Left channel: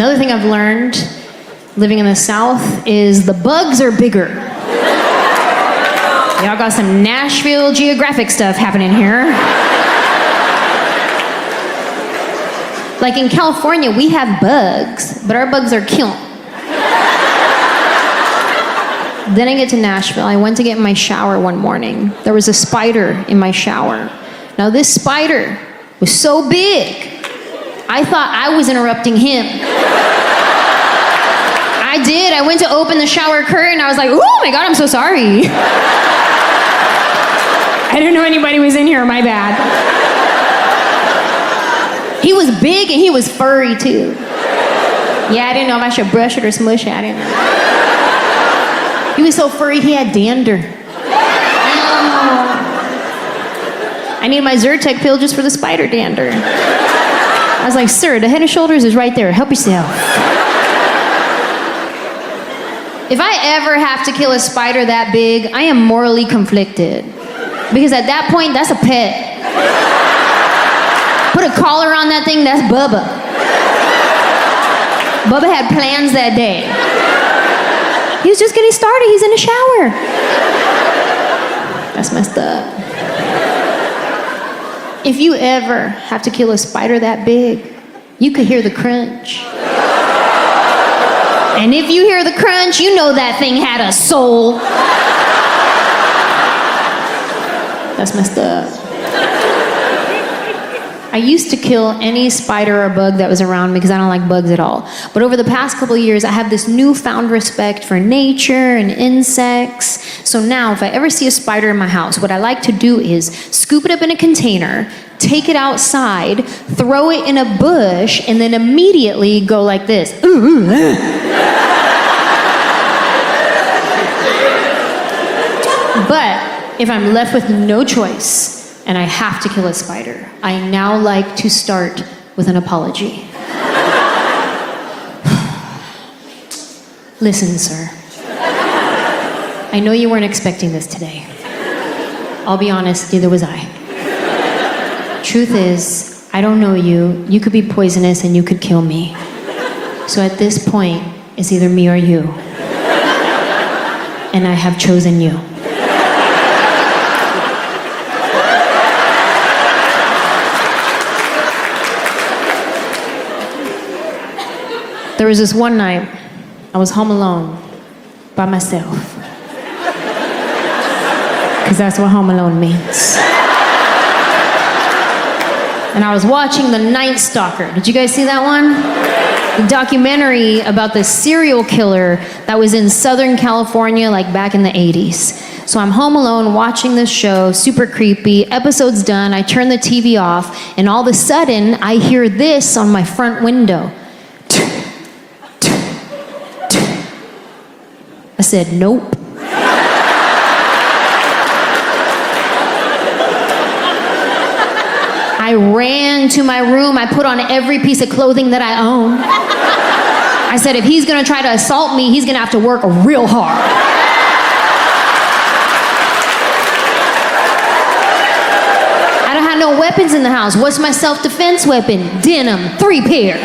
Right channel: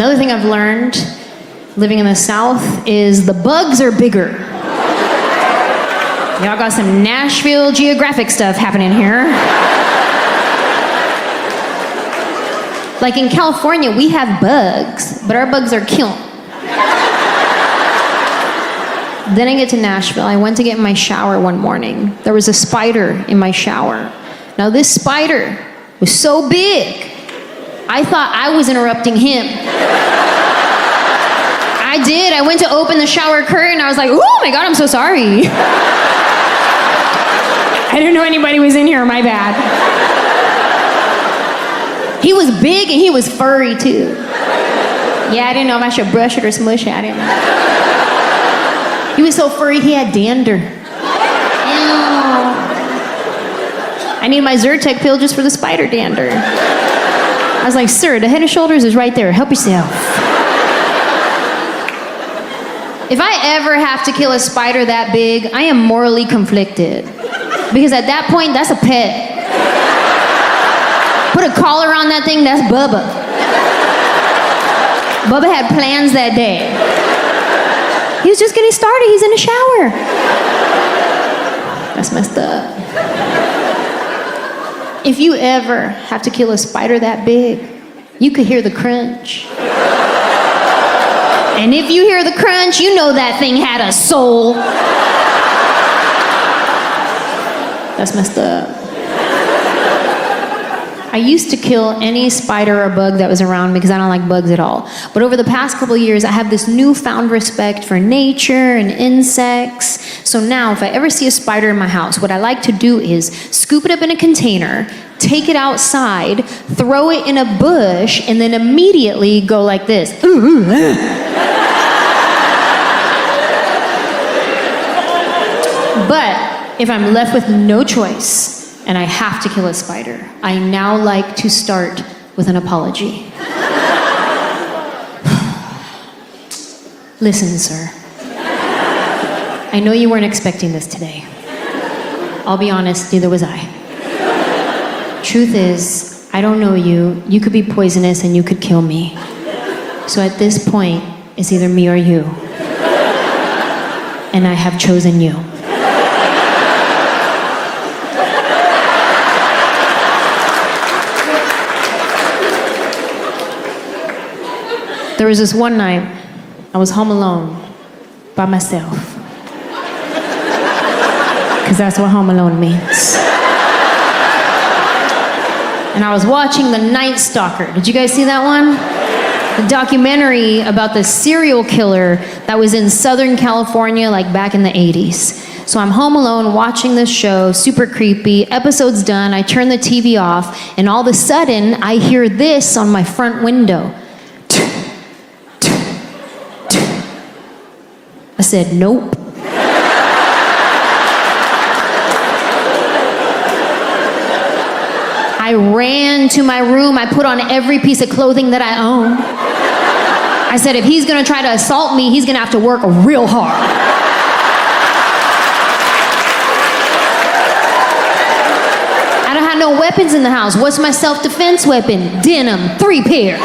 Another thing I've learned living in the South is the bugs are bigger. Y'all got some Nashville Geographic stuff happening here. Like in California, we have bugs, but our bugs are cute. Then I get to Nashville. I went to get in my shower one morning. There was a spider in my shower. Now this spider was so big, I thought I was interrupting him. I did. I went to open the shower curtain. I was like, oh my God, I'm so sorry. I didn't know anybody was in here, my bad. He was big and he was furry too. Yeah, I didn't know if I should brush it or smush it. I didn't know. He was so furry, he had dander. Ew. I need my Zyrtec pill just for the spider dander. I was like, sir, the Head and Shoulders is right there. Help yourself. If I ever have to kill a spider that big, I am morally conflicted. Because at that point, that's a pet. Put a collar on that thing, that's Bubba. Bubba had plans that day. He was just getting started, he's in the shower. That's messed up. If you ever have to kill a spider that big, you could hear the crunch. And if you hear the crunch, you know that thing had a soul. That's messed up. I used to kill any spider or bug that was around me because I don't like bugs at all. But over the past couple of years, I have this newfound respect for nature and insects. So now, if I ever see a spider in my house, what I like to do is scoop it up in a container, take it outside, throw it in a bush, and then immediately go like this. But if I'm left with no choice, and I have to kill a spider, I now like to start with an apology. Listen, sir. I know you weren't expecting this today. I'll be honest, neither was I. Truth is, I don't know you. You could be poisonous and you could kill me. So at this point, it's either me or you. And I have chosen you. There was this one night, I was home alone, by myself. Because that's what home alone means. And I was watching The Night Stalker. Did you guys see that one? The documentary about the serial killer that was in Southern California, like back in the 80s. So I'm home alone watching this show, super creepy. Episode's done, I turn the TV off, and all of a sudden, I hear this on my front window. I said, nope. I ran to my room. I put on every piece of clothing that I own. I said, if he's gonna try to assault me, he's gonna have to work real hard. I don't have no weapons in the house. What's my self-defense weapon? Denim, 3 pair.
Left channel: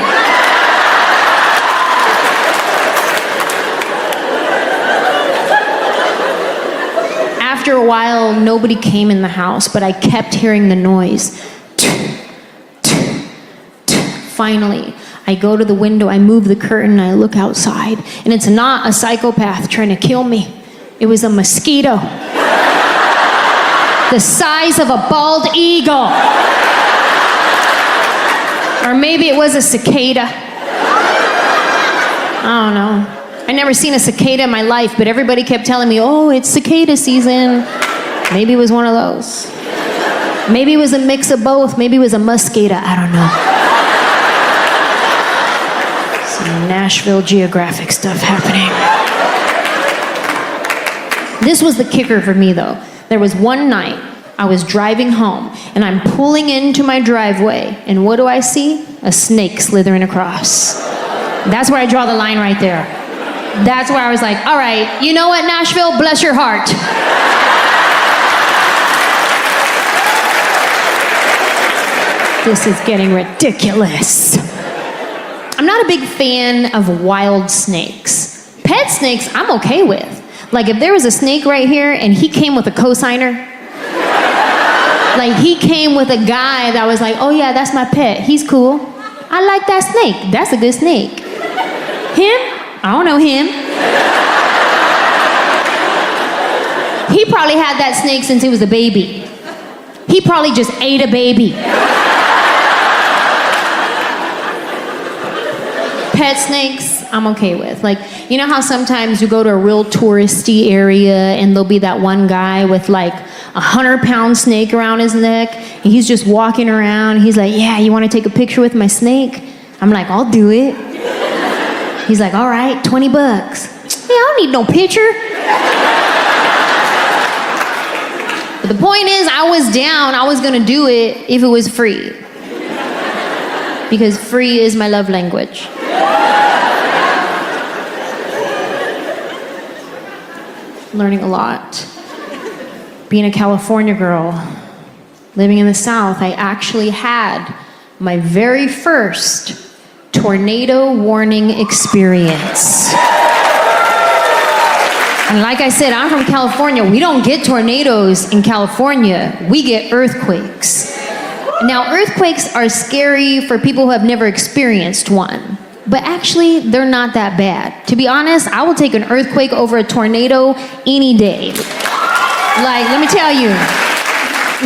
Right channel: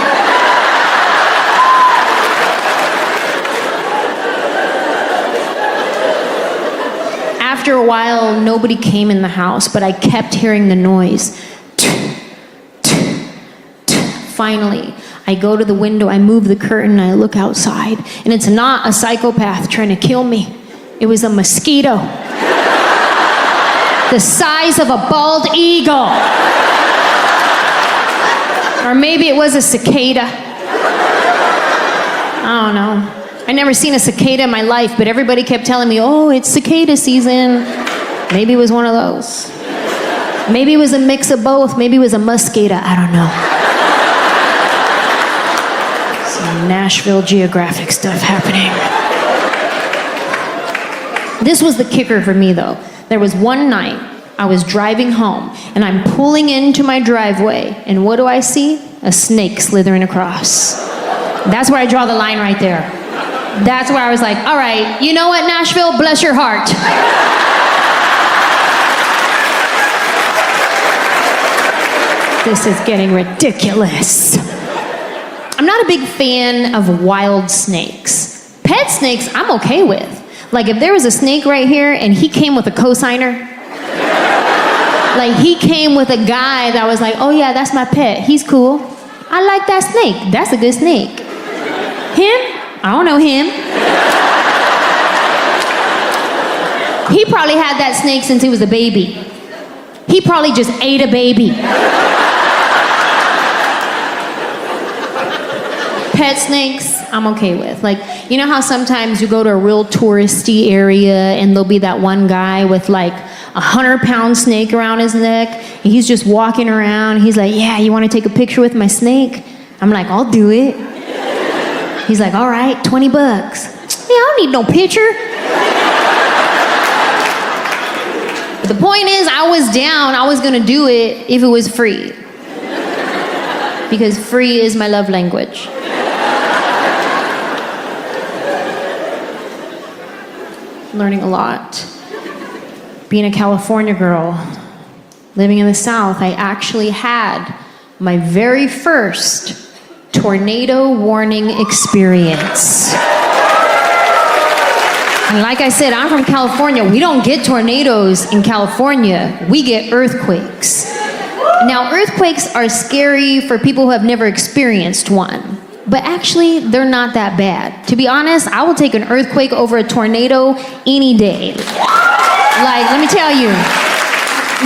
After a while, nobody came in the house, but I kept hearing the noise. Finally, I go to the window, I move the curtain, and I look outside, and it's not a psychopath trying to kill me. It was a mosquito. The size of a bald eagle. Or maybe it was a cicada. I don't know. I never seen a cicada in my life, but everybody kept telling me, oh, it's cicada season. Maybe it was one of those. Maybe it was a mix of both. Maybe it was a muscada. I don't know. Some Nashville Geographic stuff happening. This was the kicker for me, though. There was one night I was driving home, and I'm pulling into my driveway, and what do I see? A snake slithering across. That's where I draw the line right there. That's where I was like, all right, you know what, Nashville? Bless your heart. This is getting ridiculous. I'm not a big fan of wild snakes. Pet snakes, I'm okay with. Like if there was a snake right here and he came with a cosigner, like he came with a guy that was like, oh yeah, that's my pet, he's cool. I like that snake, that's a good snake. Him? I don't know him. He probably had that snake since he was a baby. He probably just ate a baby. Pet snakes, I'm okay with. Like, you know how sometimes you go to a real touristy area and there'll be that one guy with like 100-pound snake around his neck and he's just walking around. He's like, yeah, you want to take a picture with my snake? I'm like, I'll do it. He's like, all right, $20. Yeah, I don't need no picture. But the point is, I was down. I was gonna do it if it was free. Because free is my love language. Learning a lot. Being a California girl, living in the South, I actually had my very first tornado warning experience. And like I said, I'm from California. We don't get tornadoes in California. We get earthquakes. Now, earthquakes are scary for people who have never experienced one. But actually, they're not that bad. To be honest, I will take an earthquake over a tornado any day. Like, let me tell you,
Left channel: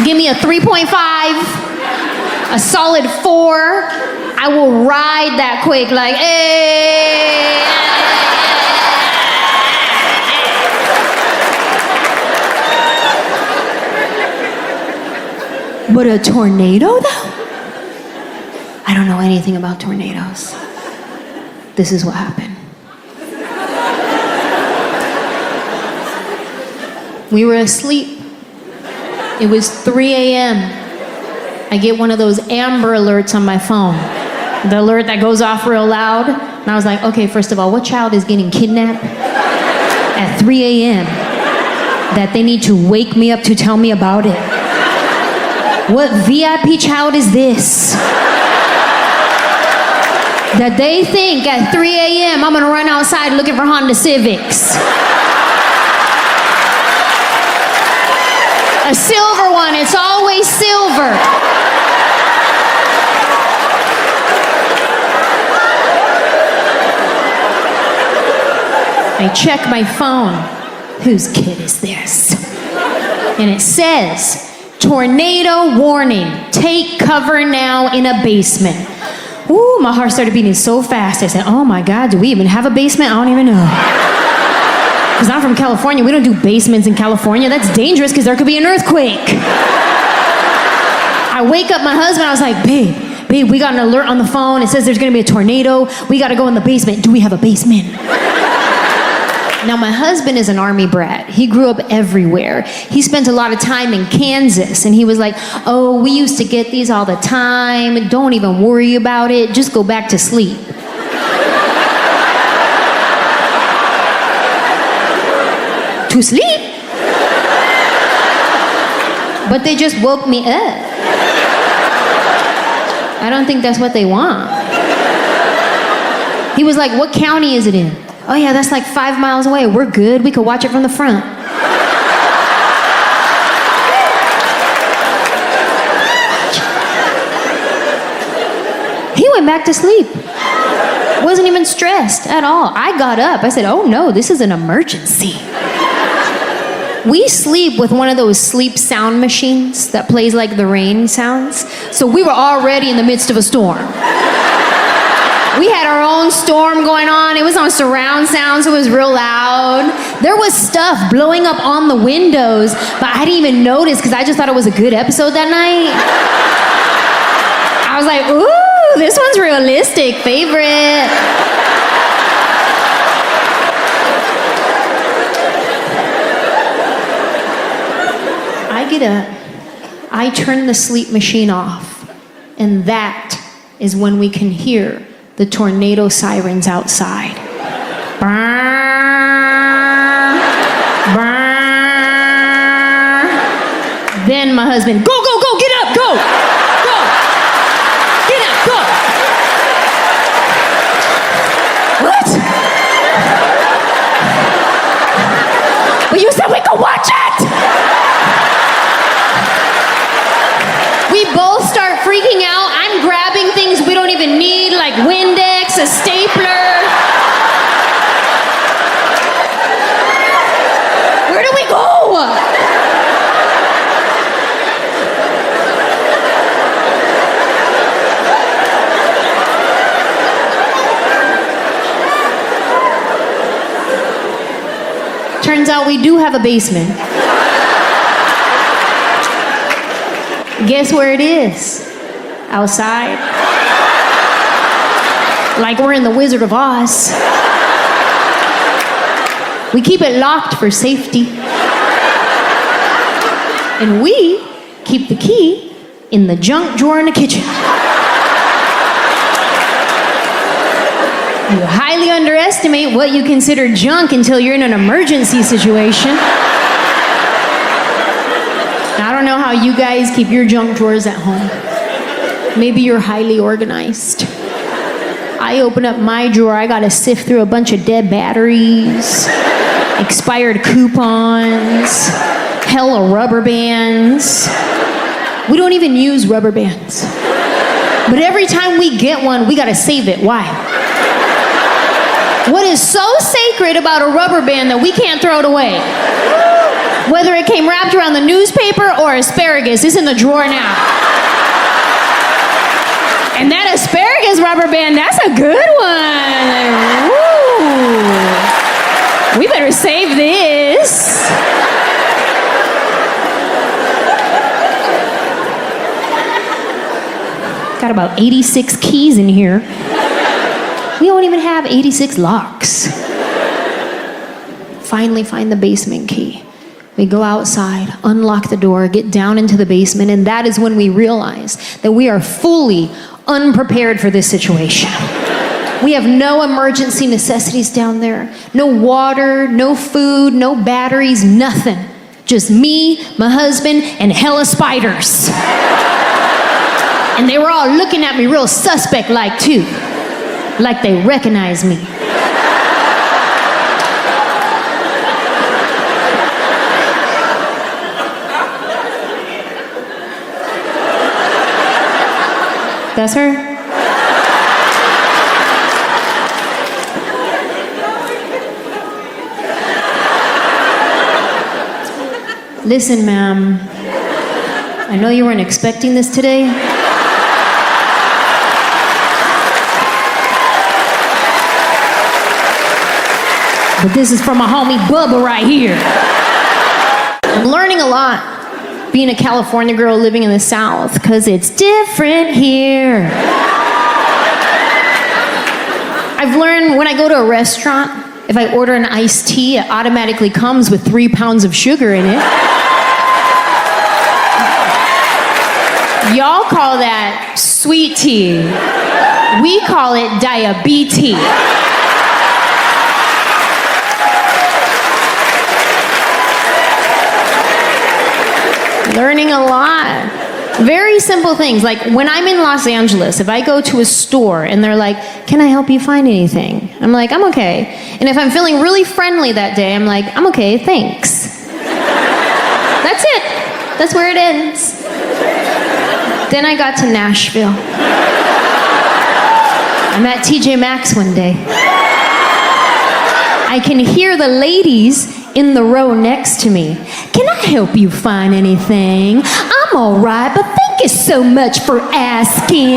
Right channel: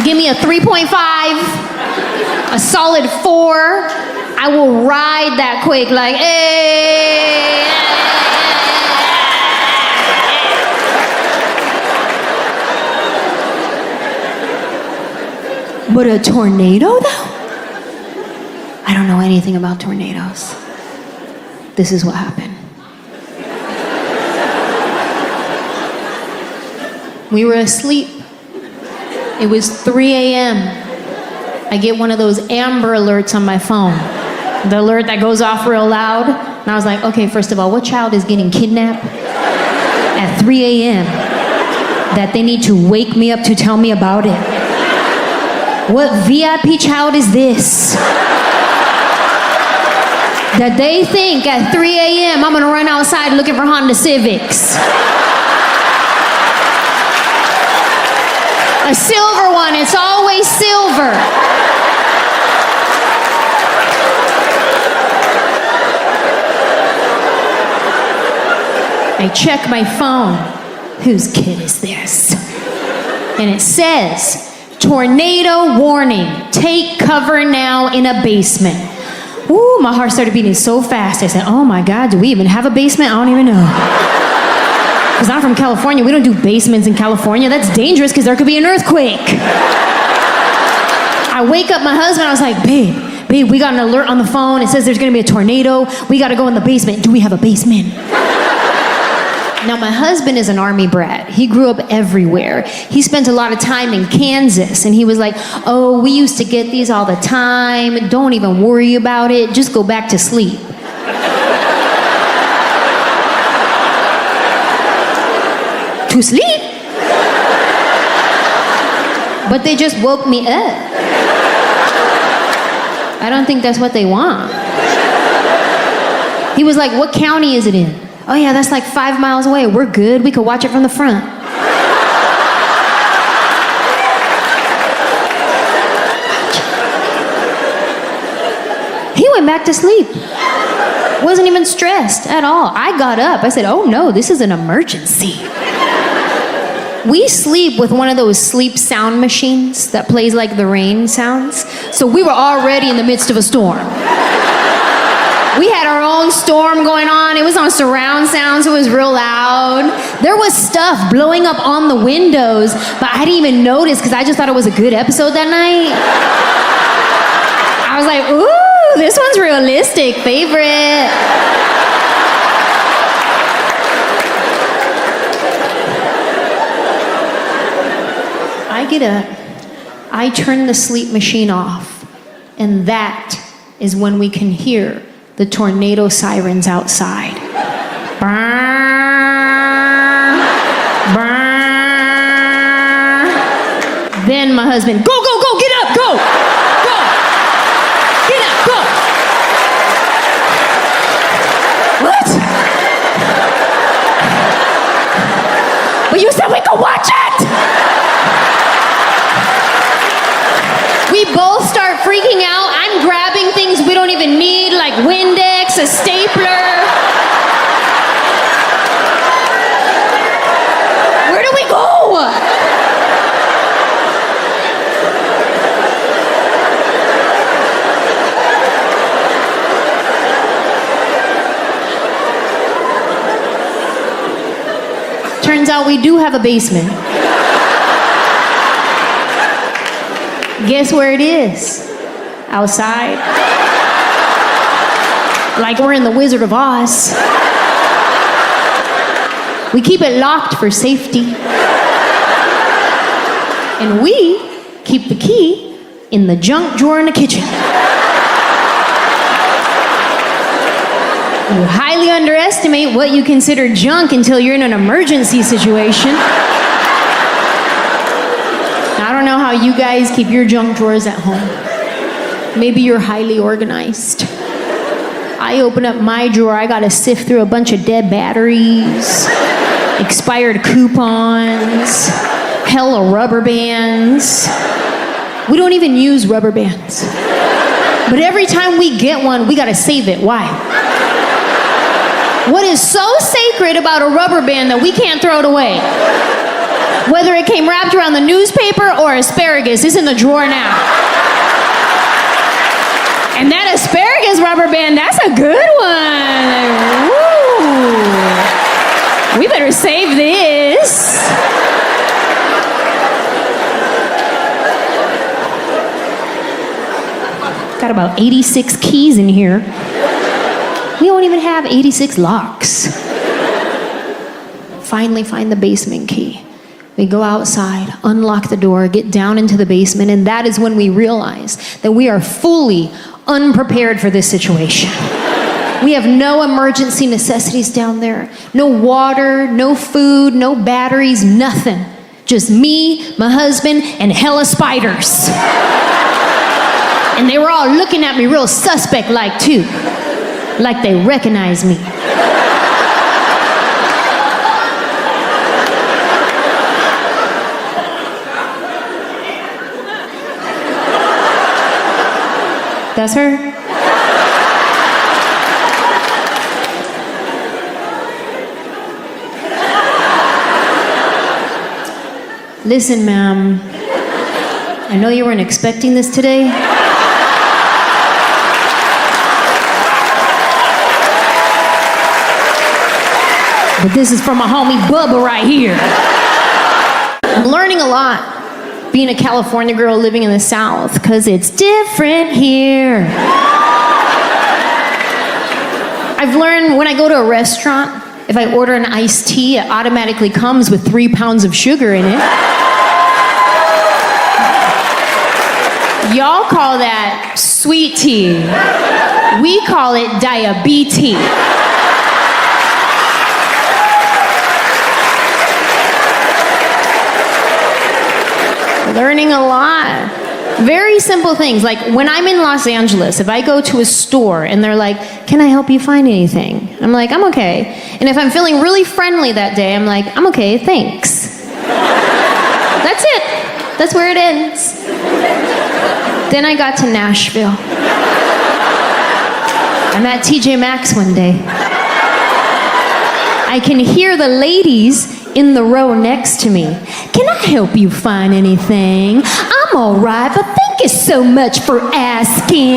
give me a 3.5, a solid 4, I will ride that quake like, hey. But a tornado, though? I don't know anything about tornadoes. This is what happened. We were asleep. It was 3 a.m. I get one of those Amber Alerts on my phone. The alert that goes off real loud. And I was like, okay, first of all, what child is getting kidnapped at 3 a.m. that they need to wake me up to tell me about it? What VIP child is this? That they think at 3 a.m. I'm gonna run outside looking for Honda Civics. A silver one, it's always silver. I check my phone. Whose kid is this? And it says, tornado warning, take cover now in a basement. Ooh, my heart started beating so fast. I said, oh my God, do we even have a basement? I don't even know. Because I'm from California, we don't do basements in California. That's dangerous because there could be an earthquake. I wake up my husband, I was like, babe, we got an alert on the phone. It says there's gonna be a tornado. We gotta go in the basement. Do we have a basement? Now, my husband is an army brat. He grew up everywhere. He spent a lot of time in Kansas, and he was like, oh, we used to get these all the time. Don't even worry about it. Just go back to sleep. To sleep? But they just woke me up. I don't think that's what they want. He was like, what county is it in? Oh yeah, that's like 5 miles away. We're good. We could watch it from the front. He went back to sleep. Wasn't even stressed at all. I got up. I said, oh no, this is an emergency. We sleep with one of those sleep sound machines that plays like the rain sounds. So we were already in the midst of a storm. We had our own storm going on. It was on surround sound, so it was real loud. There was stuff blowing up on the windows, but I didn't even notice because I just thought it was a good episode that night. I was like, ooh, this one's realistic, favorite. I get up, I turn the sleep machine off, and that is when we can hear the tornado sirens outside. Brrr, brrr. Then my husband, go, go, go, get up, go, go, get up, go. What? But you said we could watch it! We both start freaking out. I'm grabbing things we don't even need, like Windex, a stapler. Where do we go? Turns out we do have a basement. Guess where it is? Outside. Like we're in the Wizard of Oz. We keep it locked for safety. And we keep the key in the junk drawer in the kitchen. You highly underestimate what you consider junk until you're in an emergency situation. I don't know how you guys keep your junk drawers at home. Maybe you're highly organized. I open up my drawer, I gotta sift through a bunch of dead batteries, expired coupons, hella rubber bands. We don't even use rubber bands. But every time we get one, we gotta save it. Why? What is so sacred about a rubber band that we can't throw it away? Whether it came wrapped around the newspaper or asparagus, it's in the drawer now. And that asparagus rubber band, that's a good one. Like, woo. We better save this. Got about 86 keys in here. We don't even have 86 locks. Finally find the basement key. We go outside, unlock the door, get down into the basement, and that is when we realize that we are fully unprepared for this situation. We have no emergency necessities down there. No water, no food, no batteries, nothing. Just me, my husband, and hella spiders. And they were all looking at me real suspect-like too. Like they recognize me. That's her? Listen, ma'am. I know you weren't expecting this today. But this is from my homie Bubba right here. I'm learning a lot being a California girl living in the South, because it's different here. I've learned when I go to a restaurant, if I order an iced tea, it automatically comes with 3 pounds of sugar in it. Y'all call that sweet tea. We call it diabetes. Learning a lot. Very simple things. Like when I'm in Los Angeles, if I go to a store and they're like, can I help you find anything? I'm like, I'm okay. And if I'm feeling really friendly that day, I'm like, I'm okay, thanks. That's it. That's where it ends. Then I got to Nashville. I'm at TJ Maxx one day. I can hear the ladies in the row next to me. Can I help you find anything? I'm all right, but thank you so much for asking.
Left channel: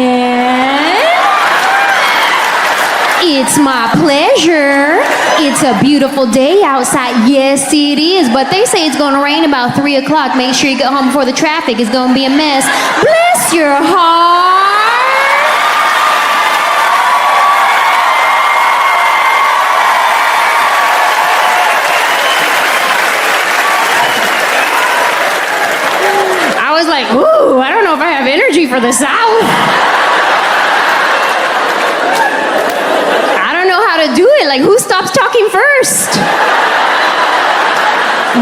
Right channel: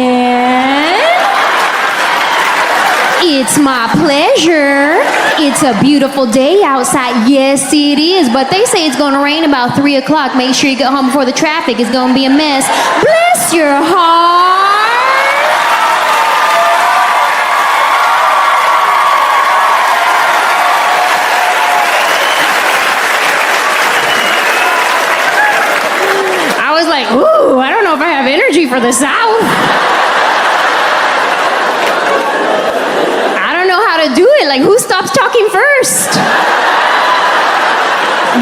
It's my pleasure. It's a beautiful day outside. Yes, it is, but they say it's going to rain about 3 o'clock. Make sure you get home before the traffic is going to be a mess. Bless your heart. I was like, ooh, I don't know if I have energy for the South. I don't know how to do it. Like, who stops talking first?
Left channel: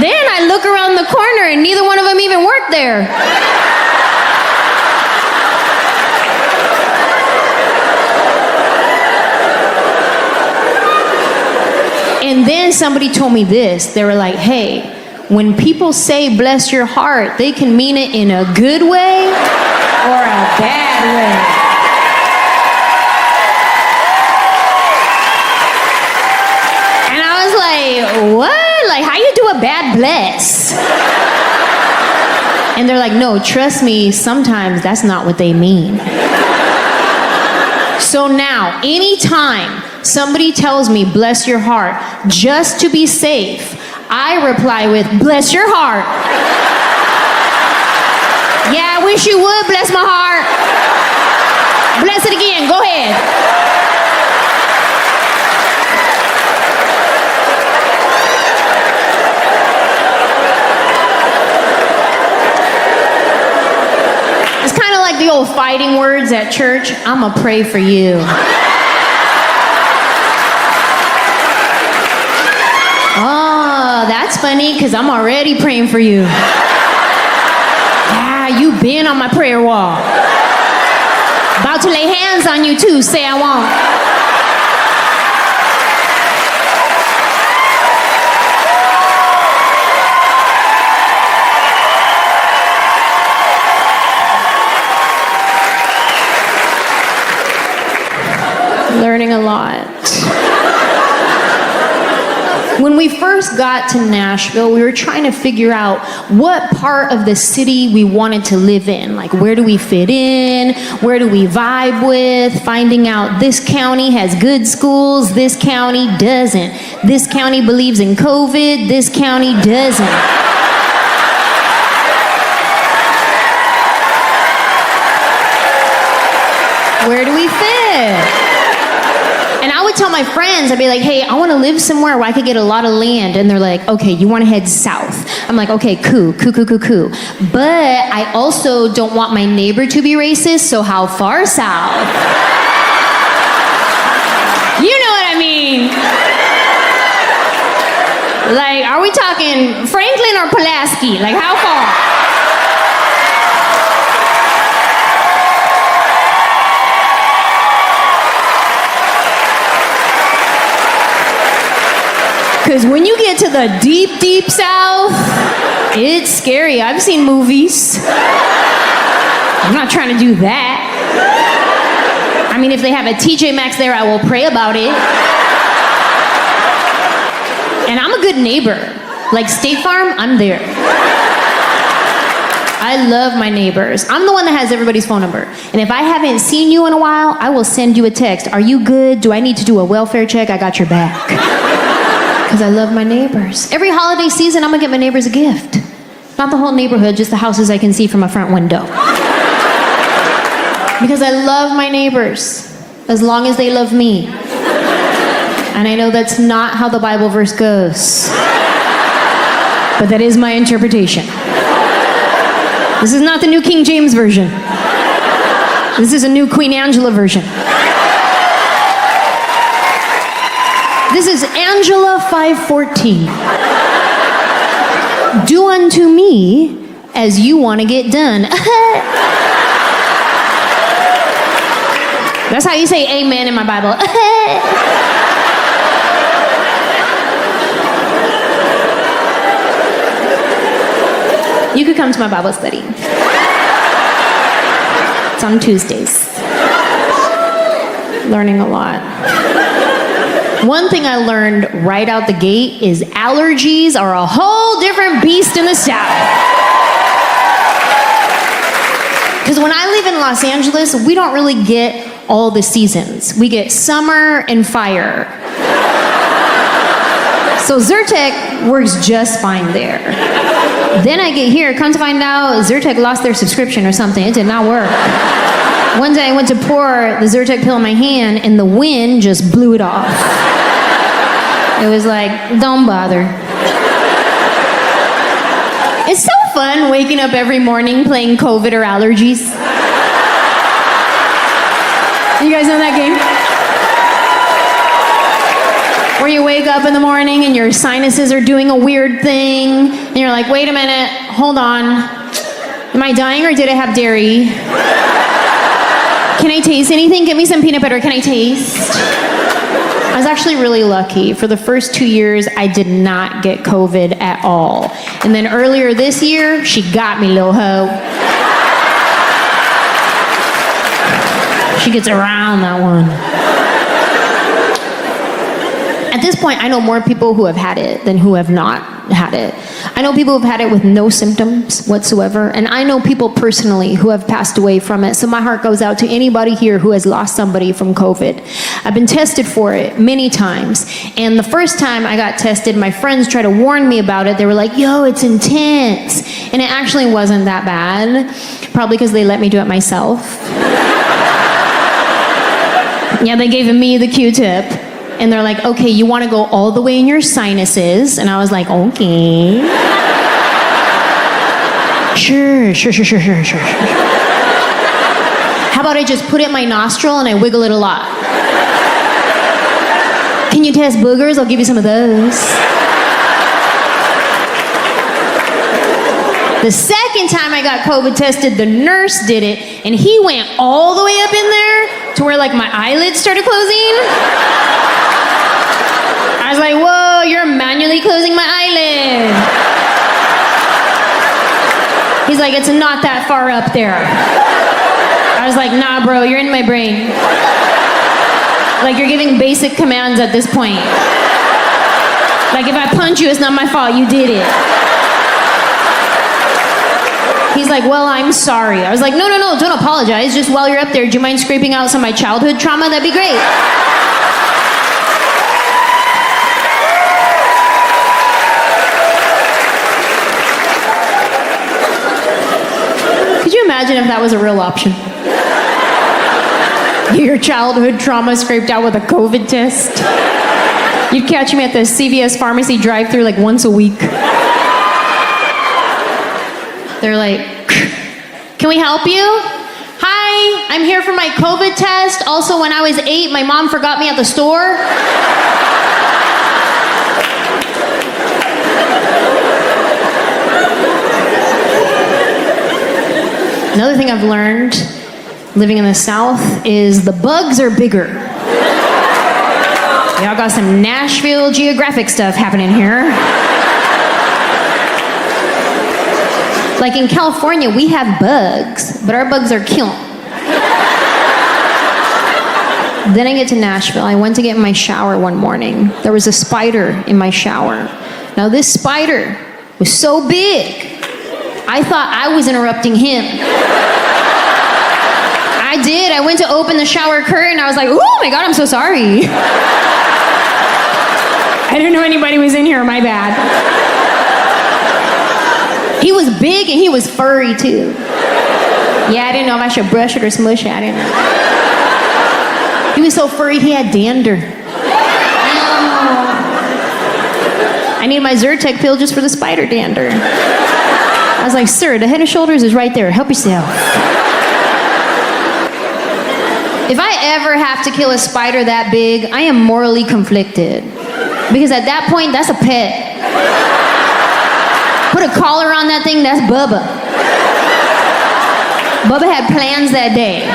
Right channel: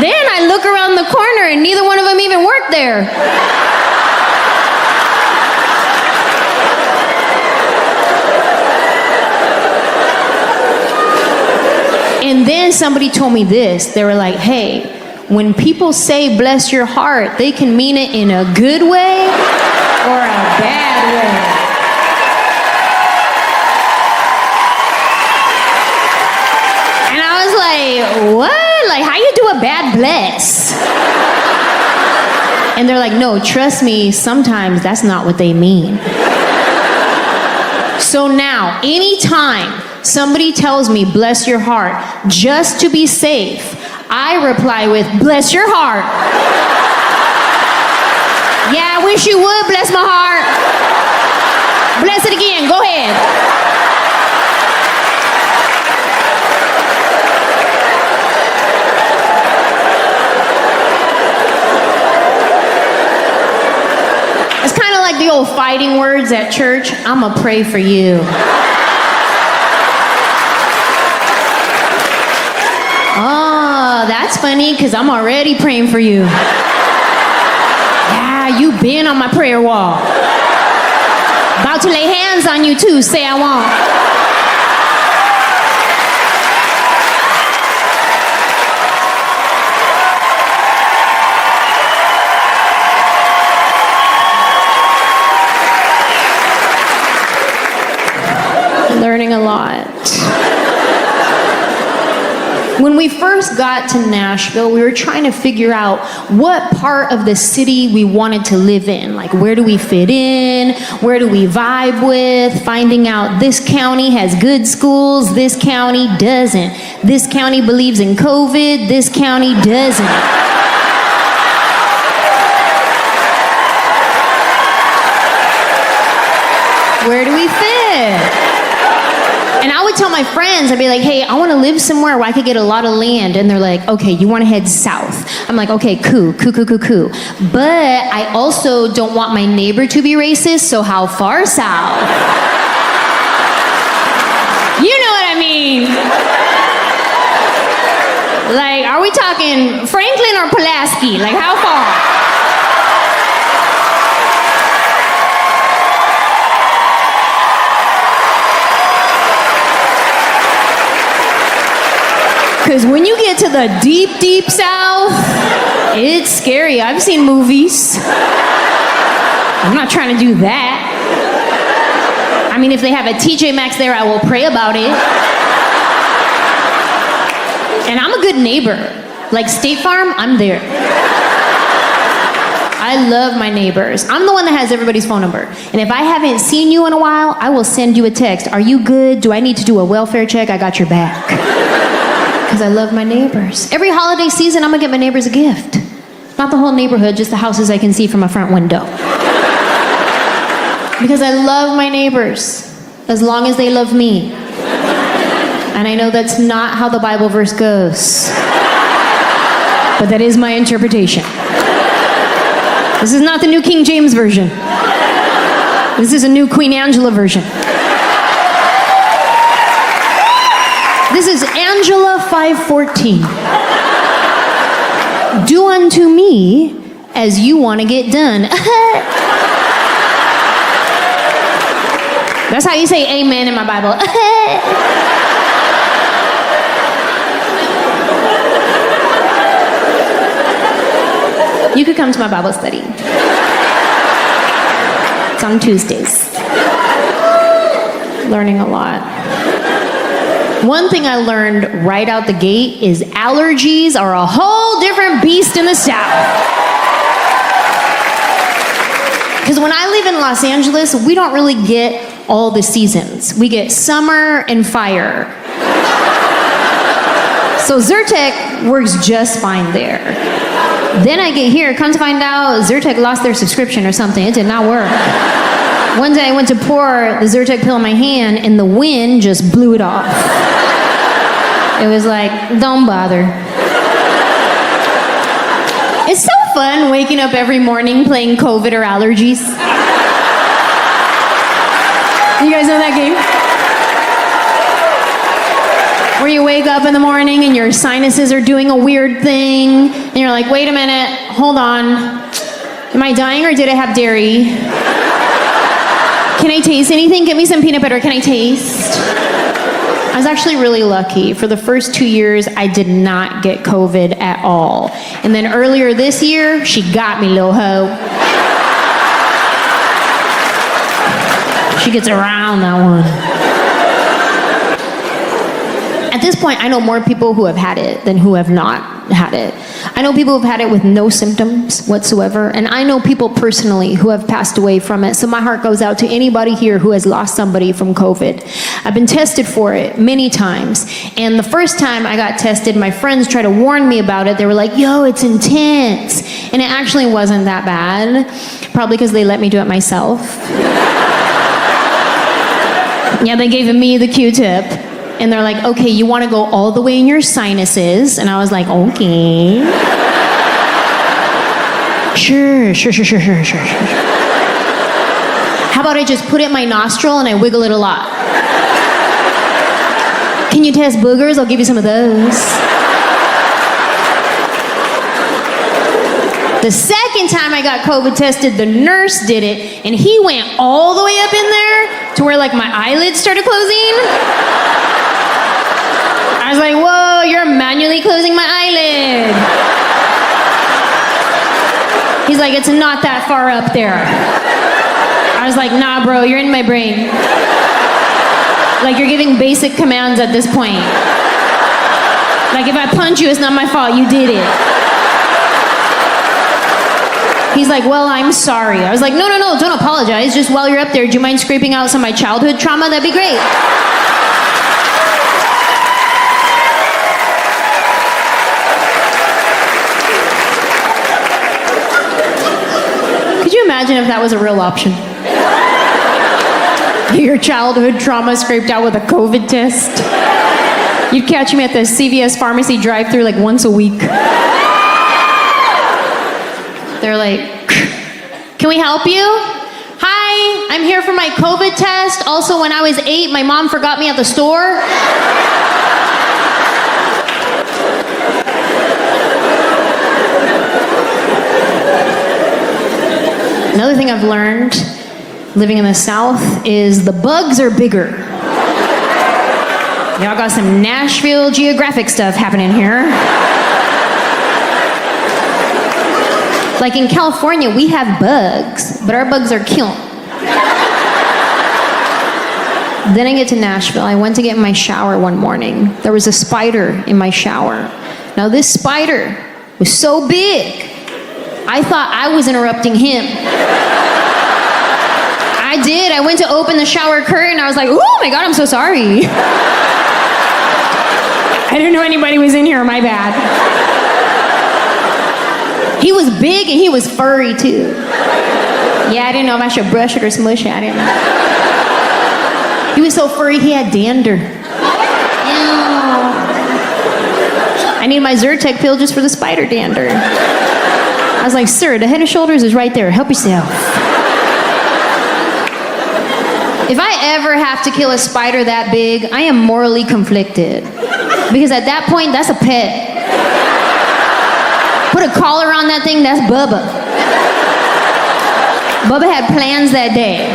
Then I look around the corner and neither one of them even worked there. And then somebody told me this. They were like, hey, when people say bless your heart, they can mean it in a good way or a bad way. And I was like, what? Like, how you do a bad bless? And they're like, no, trust me, sometimes that's not what they mean. So now, anytime somebody tells me, bless your heart, just to be safe, I reply with, bless your heart. Yeah, I wish you would bless my heart. Bless it again, go ahead. It's kind of like the old fighting words at church. I'ma pray for you. Oh, that's funny, because I'm already praying for you. Yeah, you been on my prayer wall. About to lay hands on you too, say I won't. Learning a lot. When we first got to Nashville, we were trying to figure out what part of the city we wanted to live in. Like, where do we fit in? Where do we vibe with? Finding out this county has good schools, this county doesn't. This county believes in COVID, this county doesn't. Where do we fit? And I would tell my friends, I'd be like, hey, I want to live somewhere where I could get a lot of land. And they're like, okay, you want to head south. I'm like, okay, cool. But I also don't want my neighbor to be racist, so how far south? You know what I mean? Like, are we talking Franklin or Pulaski? Like, how far? Because when you get to the deep, deep south, it's scary. I've seen movies. I'm not trying to do that. I mean, if they have a TJ Maxx there, I will pray about it. And I'm a good neighbor. Like State Farm, I'm there. I love my neighbors. I'm the one that has everybody's phone number. And if I haven't seen you in a while, I will send you a text. Are you good? Do I need to do a welfare check? I got your back. Because I love my neighbors. Every holiday season, I'm gonna get my neighbors a gift. Not the whole neighborhood, just the houses I can see from a front window. Because I love my neighbors, as long as they love me. And I know that's not how the Bible verse goes. But that is my interpretation. This is not the New King James Version. This is a new Queen Anjehla version. This is Anjehla 5:14. Do unto me as you want to get done. That's how you say amen in my Bible. You could come to my Bible study. It's on Tuesdays. Learning a lot. One thing I learned right out the gate is allergies are a whole different beast in the South. Because when I live in Los Angeles, we don't really get all the seasons. We get summer and fire. So Zyrtec works just fine there. Then I get here, come to find out Zyrtec lost their subscription or something. It did not work. One day I went to pour the Zyrtec pill in my hand and the wind just blew it off. It was like, don't bother. It's so fun waking up every morning playing COVID or allergies. You guys know that game? Where you wake up in the morning and your sinuses are doing a weird thing and you're like, wait a minute, hold on. Am I dying or did I have dairy? Can I taste anything? Give me some peanut butter. Can I taste? I was actually really lucky. For the first 2 years, I did not get COVID at all. And then earlier this year, she got me, little hoe. She gets around that one. At this point, I know more people who have had it than who have not had it. I know people who've had it with no symptoms whatsoever, and I know people personally who have passed away from it. So my heart goes out to anybody here who has lost somebody from COVID. I've been tested for it many times, and the first time I got tested, my friends tried to warn me about it. They were like, yo, it's intense. And it actually wasn't that bad, probably because they let me do it myself. Yeah, they gave me the Q-tip. And they're like, okay, you want to go all the way in your sinuses? And I was like, okay. Sure. How about I just put it in my nostril and I wiggle it a lot? Can you test boogers? I'll give you some of those. The second time I got COVID tested, the nurse did it, and he went all the way up in there to where like my eyelids started closing. I was like, whoa, you're manually closing my eyelid. He's like, it's not that far up there. I was like, nah, bro, you're in my brain. Like, you're giving basic commands at this point. Like, if I punch you, it's not my fault, you did it. He's like, well, I'm sorry. I was like, no, don't apologize. Just while you're up there, do you mind scraping out some of my childhood trauma? That'd be great. Could you imagine if that was a real option? Get your childhood trauma scraped out with a COVID test. You'd catch me at the CVS pharmacy drive-thru like once a week. They're like, can we help you? Hi, I'm here for my COVID test. Also, when I was 8, my mom forgot me at the store. Another thing I've learned living in the South is the bugs are bigger. Y'all got some Nashville Geographic stuff happening here. Like in California, we have bugs, but our bugs are cute. Then I get to Nashville. I went to get in my shower one morning. There was a spider in my shower. Now this spider was so big, I thought I was interrupting him. I did. I went to open the shower curtain. I was like, oh my God, I'm so sorry. I didn't know anybody was in here, my bad. He was big and he was furry too. Yeah, I didn't know if I should brush it or smush it. I didn't know. He was so furry, he had dander. Ew. I need my Zyrtec pill just for the spider dander. I was like, sir, the Head and Shoulders is right there. Help yourself. If I ever have to kill a spider that big, I am morally conflicted. Because at that point, that's a pet. Put a collar on that thing, that's Bubba. Bubba had plans that day.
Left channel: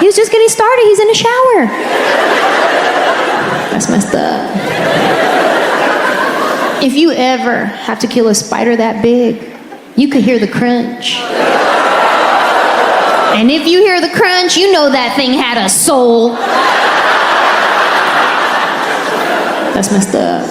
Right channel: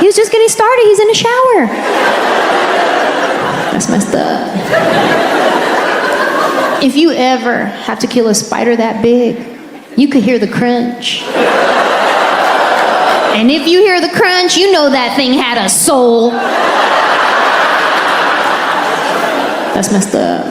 He was just getting started, he's in the shower. That's messed up. If you ever have to kill a spider that big, you could hear the crunch. And if you hear the crunch, you know that thing had a soul. That's messed up.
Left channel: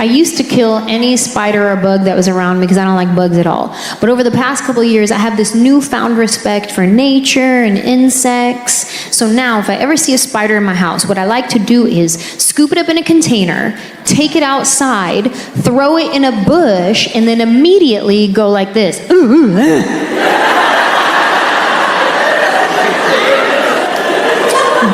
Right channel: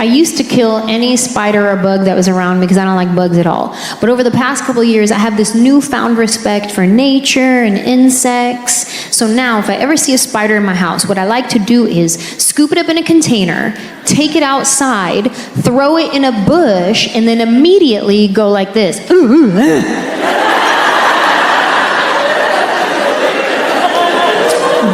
I used to kill any spider or bug that was around me because I don't like bugs at all. But over the past couple of years, I have this newfound respect for nature and insects. So now, if I ever see a spider in my house, what I like to do is scoop it up in a container, take it outside, throw it in a bush, and then immediately go like this.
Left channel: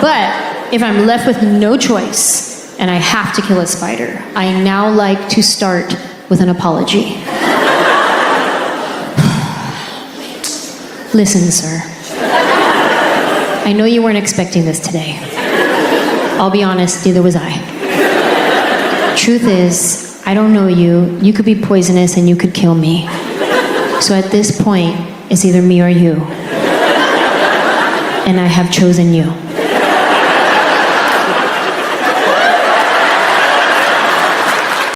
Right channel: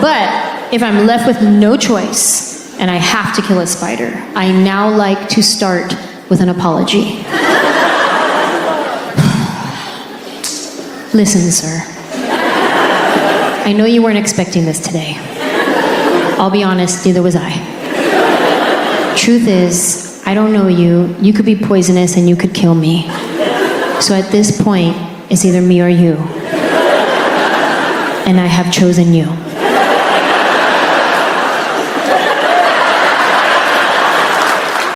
But if I'm left with no choice, and I have to kill a spider, I now like to start with an apology. Listen, sir. I know you weren't expecting this today. I'll be honest, neither was I. Truth is, I don't know you. You could be poisonous and you could kill me. So at this point, it's either me or you. And I have chosen you.